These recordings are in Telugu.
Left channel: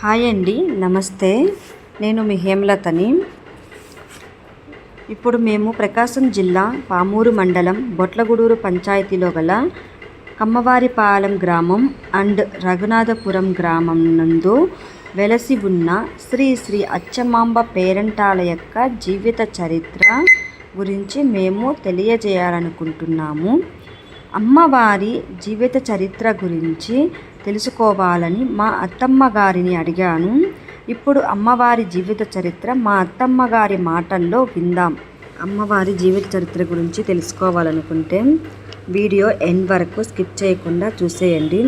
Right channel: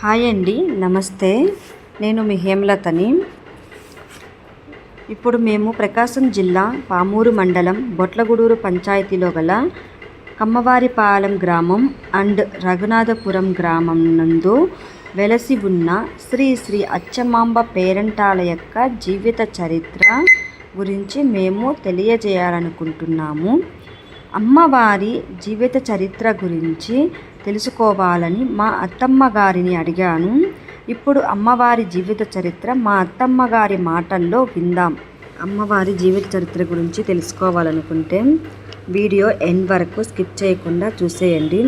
హాయ్ అండి నమస్తే. నేను మీ హేమలతని. ఇప్పుడు మేము ప్రకాశం జిల్లా పామూరు మండలం బొట్లగూడూరు పంచాయతీలో గల కమ్మవారిపాలెం గ్రామం అండ్ రఘునాథపురం గ్రామం నందు వెలసి ఉన్న శ్రీ శ్రీ అచ్చమాంబ పేరంటాల యొక్క జీవిత చరిత్ర గురించి మేము తెలియజేయాలనుకుంటున్నాము. అమ్మవారి జీవిత చరిత్ర గురించి తెలుసుకోవాలని మా అత్తమ్మ గారిని అడిగాను. ఇప్పుడు అమ్మవారి జీవిత చరిత్ర మా అత్తమ్మ గారి మాటల్లో విందాం. అమ్మవారి జీవిత చరిత్ర గురించి తెలుసుకోవాలనుకుంటే వీడియో ఎండ్ వరకు స్కిప్ చేయకుండా చూసేయండి.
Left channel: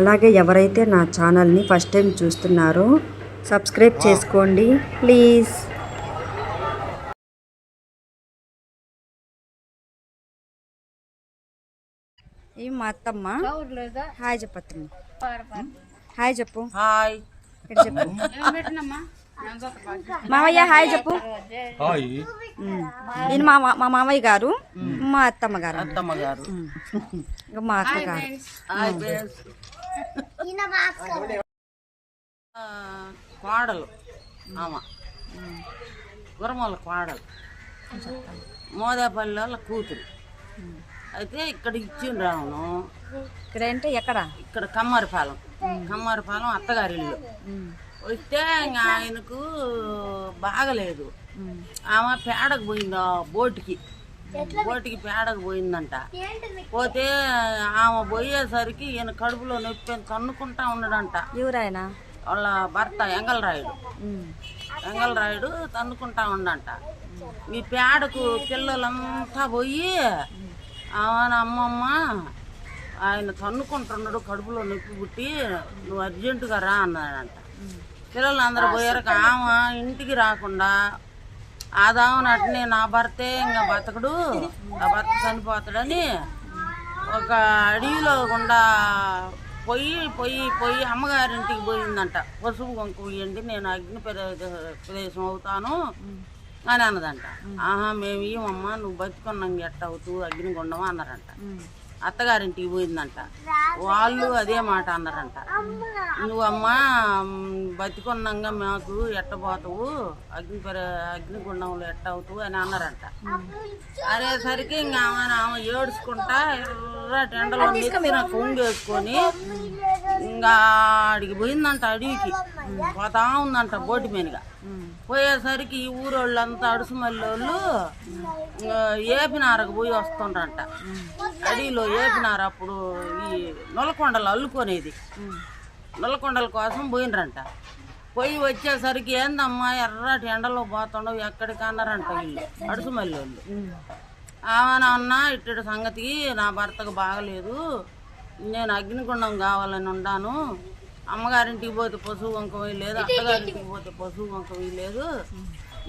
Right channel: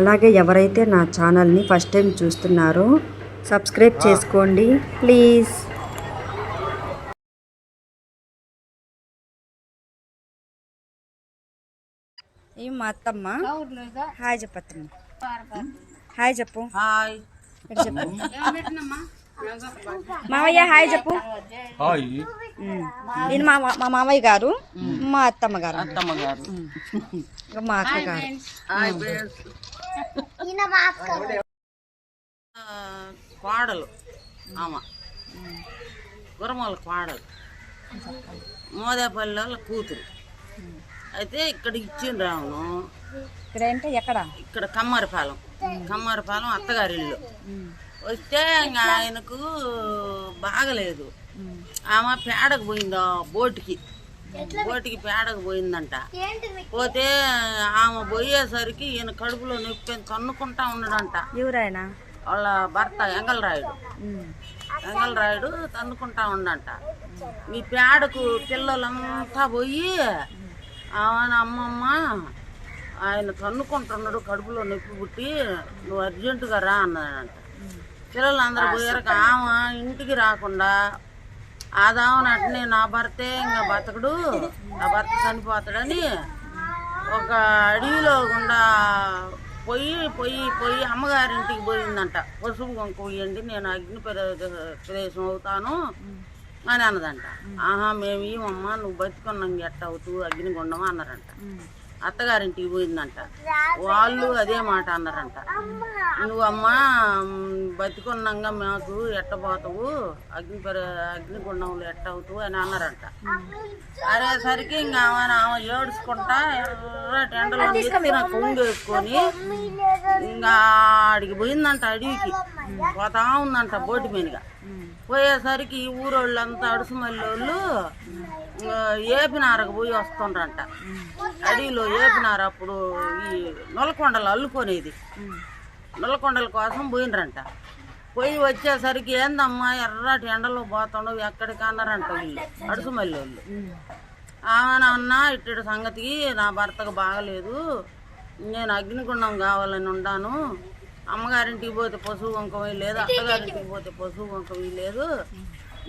అలాగే ఎవరైతే నా ఛానల్ని ఫస్ట్ టైం చూస్తున్నారో సబ్స్క్రైబ్ చేసుకోండి ప్లీజ్. ఈ మా అత్తమ్మ. హాయ్ చెప్పత్తమ్మ. హాయ్ చెప్పు. హాయ్. చెప్పు. మామయ్య హాయ్ చెప్పు. హాయ్. ఈయన మా మా మామయ్య గారు మా అత్తమ్మ గారు అత్తమ్మ గారు. మా అక్క గారు. కోడలు ఆమె. గురమల కోడలు మోదేపల్లి వాళ్ళ కూతురు. అయితే ఇక్కడ ఇచ్చిండ్రు రావును ఇక్కడ అంటే ఎక్కడ? ఇక్కడ కమ్మారిపాలెం. కమ్మారిపాలెం అత్తగారి ఇల్లు. వస్తే ఇంకా ఆయనకు బాగలేదు. ఆమె పేడకు పోయింది ఆ బోటుకి బోటుకి పేడకు పోయిందంట. పోతే ఆమె పోయేసరికి ఈయన కడుపులో నొప్పి తన్నుకుంటా ఉన్నాడంట. ఎవరాయన? వాళ్ళ భర్త ఎంగలరాయుడు ఎంగలరాయుడు తన్నుకుంటా ఉండంట. ఈ పేడకు పిల్లలంతా పోయి అమ్మమ్మ ఆయన తన్నుకుంటున్నాడు కడుపులో నొప్పి పుట్టి నువ్వు అర్జెంటుగా రా అన్నాడంట. పిల్లలు అందరు పోయారు. ఆమె ఇంటికి రాకుండా ఆదామని అట్నే నా భర్తే ఇంకా బతకడు నా భర్త చనిపోతాడని ఒక అడవిలో గుండా పొయ్యి పొయ్యి పొయ్యి అమ్మగారింటికి పోయిందంట. పసుపు కొంక పోయండి నేను అగ్ని ప్రదే- ప్రదేశం అవుతాను. అని అన్నదంట. ఆహా మేము ఇవ్వమ్మా నువ్వు బతికొన్నాం ఎట్ట అవుతూ అగ్నిగుండమా అన్నారంట. అత్తగారింటికి పోయిందంట. వాళ్ళు అదే మాట అన్నారంట. నువ్వమ్మా బతికొన్నాగా మాకు ఎట్టబోతావు అగ్ని పరి- అగ్నిగుండంలో ఎట్ట అవుతావు అని అన్నారంట. అనేసరికి ఇంకా ఆమె ఆమె ఏడుచుకుంటా ఎర్రటి ఎండలో కొంగేసుకొని ఇంకా ఆడికి పోయిందంట అడవికి. పోతా ఉందంట బోటి మీదుగా. పోయేసరికి ఈ ఊరోళ్ళంతా అడుసుమల్లోళ్ళు ఏపినారకు పోయి వస్తుండ్రంట. అడవిలో ఏపినారు అప్పుడు ఈ నొలకొండలు అల్లుకొనేది. నొలకొండల కోసం పోయినరంట పోయి వచ్చేసరికి ఏందమ్మా ఎర్రటి ఎండలో పోతుండవు ఎక్కడికి అన్నారంట వీళ్ళు అడుసుమల్లోళ్ళు. ఆమెనన్నా ఇట్టడి ఇట్టి సంగతి నా భర్తకు బాగలేదు. నేను అగ్నిగుండం కావాలని ఉన్నాను అమ్మగారింటికి పోతే పశువు వంకం లేదు అత్తగారింటికి పోతే పశువు వంకం లేదు.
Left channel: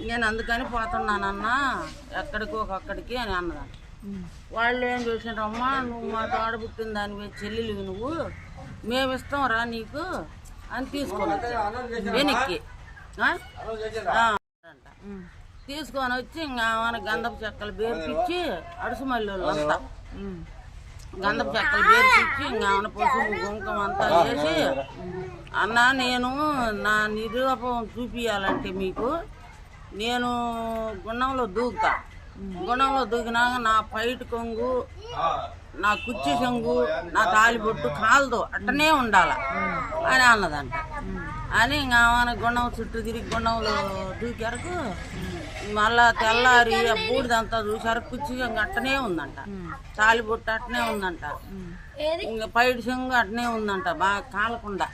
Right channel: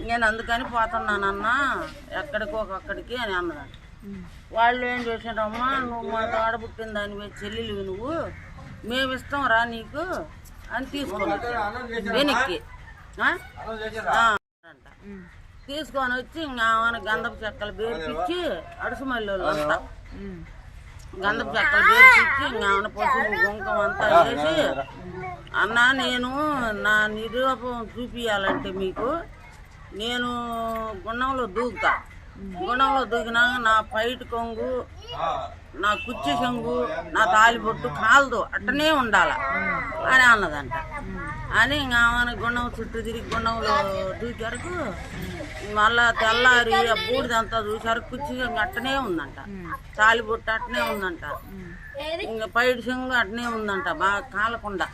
నేను అందుకని పోతున్నానన్నా ఎక్కడికో ఒక్కడికి అని అన్నదంట వాళ్ళు ఏం చేసిండ్రమ్మా నువ్వు మా ఆడబుట్టిన దాని చెల్లెలు నువ్వు మేము ఇస్తాం రా నీకు అని తీసుకున్నాడు. వెనక్కి. అంట. తీసుకొని వచ్చి ఇంకా గంధపు చెక్కలు బేర్పించి అడుసుమల్లి అంతా ఇంకా ఆమెను పసుపు కుంకం అంతా వేసి అన్న నేను నా నిరూపం చూపియాలంటే మీకు నేను గుండంలో దూకుతా. గుండంలో దూకినాక నా పైట కొంగు నా కుర్చీ చెంగు నా తాలిబొట్టు కాలదు అట్టనే ఉండాల అని అన్నదంట. అని ఇంకా గుండం చుట్టూ తిరిగి గుండంలో దూకారకు మళ్ళా తెల్లారి ఆ బూడిదంతా చూసారు కుర్చీ చెంగు అట్టనే ఉందంట. తాలిబొట్టు అట్టనే ఉందంట. ఇంకా పైట చెంగు అట్టనే ఉందంట బాగా కాలకుండా.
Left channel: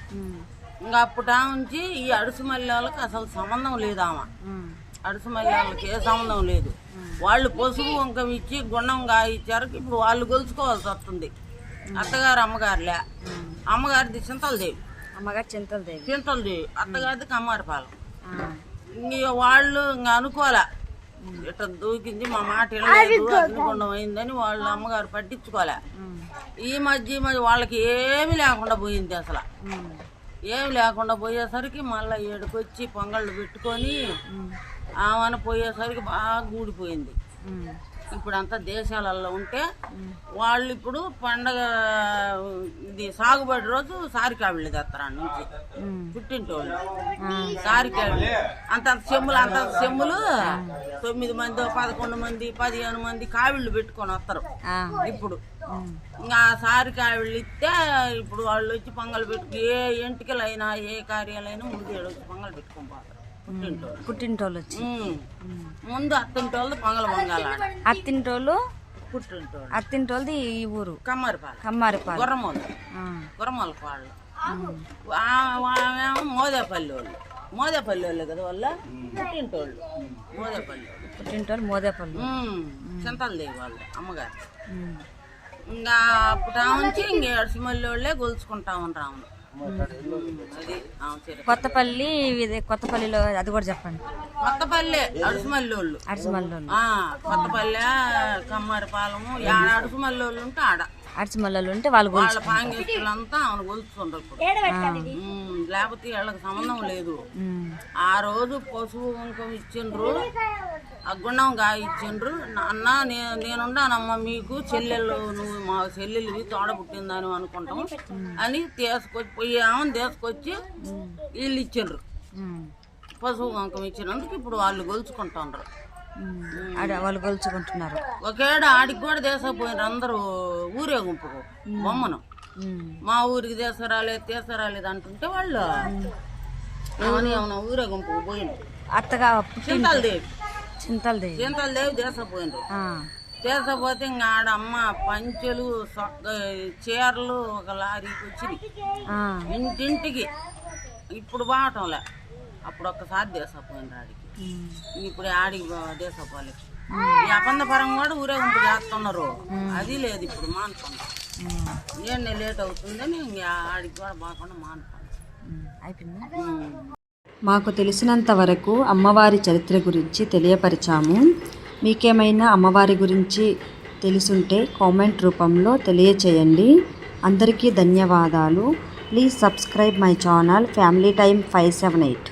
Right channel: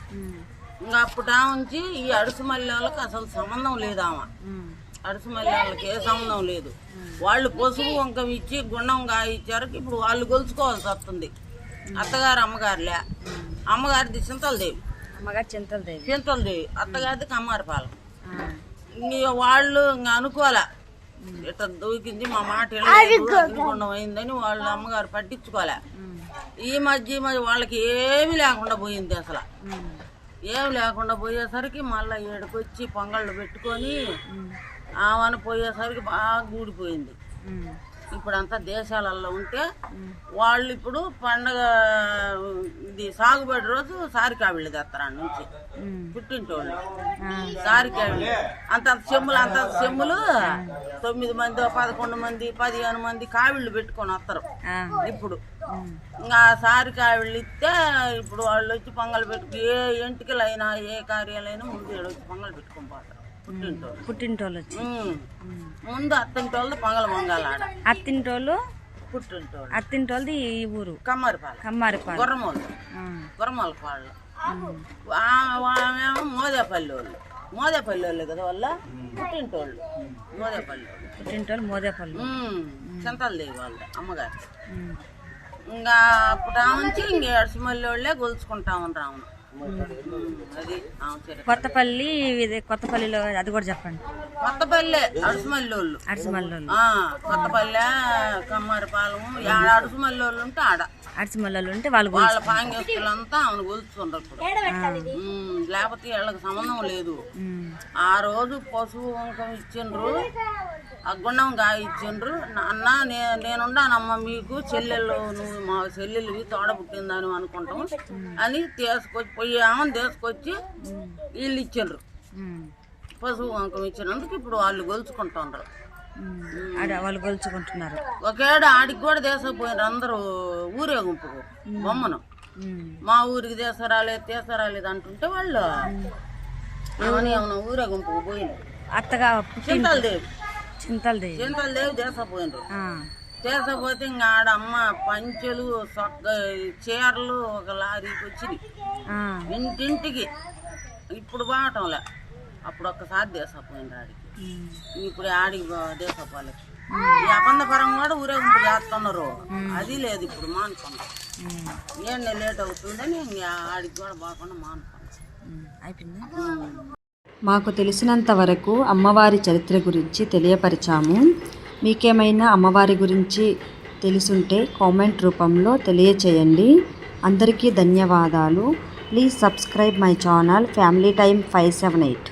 ఇంకా అప్పుడా ఉంచి ఈ అడుసు మల్లెలకు అసలు సంబంధం లేదు ఆమె. అడుసు మల్లెలకు ఏ సంబంధం లేదు. వాళ్ళు పసుపు వంకం ఇచ్చి గుండం ఇచ్చారు ఇప్పుడు వాళ్ళు గొలుచుకోవాల్సి వస్తుంది. అత్తగారు అమ్మగారులే. అమ్మగారిది చింతలదేవి. అమ్మగారు చింతల దేవి చింతలదేవి. అత్తగారిది కమ్మారిపాలెం. ఇంక వాళ్ళు ఇంకా అనుకోలే ఇట్లా దూకింది మా మాట అగ్నిగుండం అయిందని వాళ్ళు అమ్మగారు పట్టించుకోలే ఈ మధ్య ఈ మధ్య వాళ్ళకి ఏమీ లేకుండా పోయింది అసలు. ఏమి లేకుండా పోయేసరికి మళ్ళీ ఏడుకొచ్చి పొంగళ్ళు పెట్టుకొని ఆమెను పోయేసరికి బాగా గూడిపోయింది ఇప్పుడంతా దేశాలలో ఉంటే వాళ్ళు ఇప్పుడు పండగ ఇది సాగుబడి రోజు సారికావిళ్ళు తెస్తారు నుంచి పుట్టింటోళ్ళు. సారికావిళ్ళు అంత అంత చెమ్ములు అంత అంత చెమ్ములు తొమ్మిది మంది పదకొండు మంది పదిహేను మంది కావిళ్ళు పెట్టుకొని వస్తారు. ఇప్పుడు. ఇంకా సారి కావిళ్ళు ఇస్తే ఇప్పుడు వాళ్ళు వచ్చి పొంగల్ పెట్టు ఏ ఎంటికలైనా ఏ కార్యాలైనా ముందు వచ్చి పొంగల్ పెట్టుకొని పోతారు. పుట్టింటోళ్ళు. వచ్చి. ముందు అత్తింటోళ్ళు పొంగల్ పొంగాలి అత్తింటోళ్ళు పుట్టింటోళ్ళు. అత్తింటోళ్ళది ఈ ఊరు. కమ్మరిపాలు. కమ్మారిపాలెం. గుర్రమోళ్ళు. ఆ, గుర్రమోళ్ళ వాళ్ళు మోదేపల్లి వాళ్ళు మోదేపల్లి వాళ్ళు కదా వాళ్ళ? పుట్టింటోళ్ళు. మోదేపల్లి వాళ్ళు పుట్టింటోళ్ళు మోదేపల్లి. ఉమ్. చింతలదేవి వాళ్ళు అమ్మగారు. ఇంకా అప్పుడు నుంచి ఇంక ఎడసిమల్లి వాళ్ళే గొలుచుకుంటా ఉంటాము. కొత్తపల్లి ఇది కొత్తపల్లిలో అది కూడా చెప్పండి. కొత్తపల్లె అడిసిమల్లోళ్ళు ఆ, కొత్తపల్లె కమ్మరిపాలెము ఆడ అడుసుమల్లి వాళ్ళు ఉంటే ఆడ. అడిసిమల్లోళ్ళు ఉంటే వాళ్ళు వాళ్ళ పాంగేస్తులంతా ఆమెను గొలుచుకుంటారు లేకపోతే వీళ్ళకి సంబంధం లేదు. ఆ రోజు పశువు ఇచ్చిండ్రు. ఆ గుండం గా ఇచ్చిండ్రు అన్న నే- నేనుండానమ్మ మీకు చెల్లెళ్ళు నువ్వు మా చెల్లెలు తోడ పుట్టిందని అనుకుంటాం అని తీసుకొచ్చి పోయి ఆమెను తీసుకొచ్చి వీళ్ళు ఇచ్చిండ్రు. ఉమ్. పశువు కుంకం ఇచ్చినందుకు ఇప్పుడు వాళ్ళు. ఆడ వాళ్ళు గొలుచుకుంటున్నారు. ఒకేడ ఆడికి కూడా తీసుకుపోయినారు అందరూ ఊరేగింపుకు బొమ్మను. ఉమ్. మా ఊరికి తీసుకురాలేదు తీసుకురాలేదు అంటుంటే వాళ్ళు ఏమని ఏమన్నా ఊరేగింపుకు పోయిండ్రు అత్తగా పుట్టి చింతలదేవి చింతలది చింతలదేవి ఆ, తీసుకపోతే ఇంకా ఆడ అమ్మ పంచెలు సొక్క చీరలు ఒక లారీకి వచ్చినాయి. ఇంటింటికి. ఇప్పుడు బాగటంలే అప్పుడు ఒక్కసారి తీసుకుపోయిండ్రు ఆడికి. ఇప్పుడు ఆడికి దేశపోలే ఈ అబంధ పరం కూడా ఊరేగింపు చేస్తున్నారు. అది లేదు ఇప్పుడు మానుకున్నాం ఉమ్. ఏం లేట్ అవుతుందని ఇంక ఆడికి కూడా బాగుండా మానుకున్నాం. అయిపోయిందా? మాకు తెలిసినంత వరకు అమ్మవారి చరిత్ర గురించి తెలియపరిచాము. మీకేమైనా అమ్మవారి గురించి తెలుసుంటే కామెంట్ రూపంలో తెలియచేయండి. అందరికీ ధన్యవాదాలు. Please subscribe my channel family time five seven eight.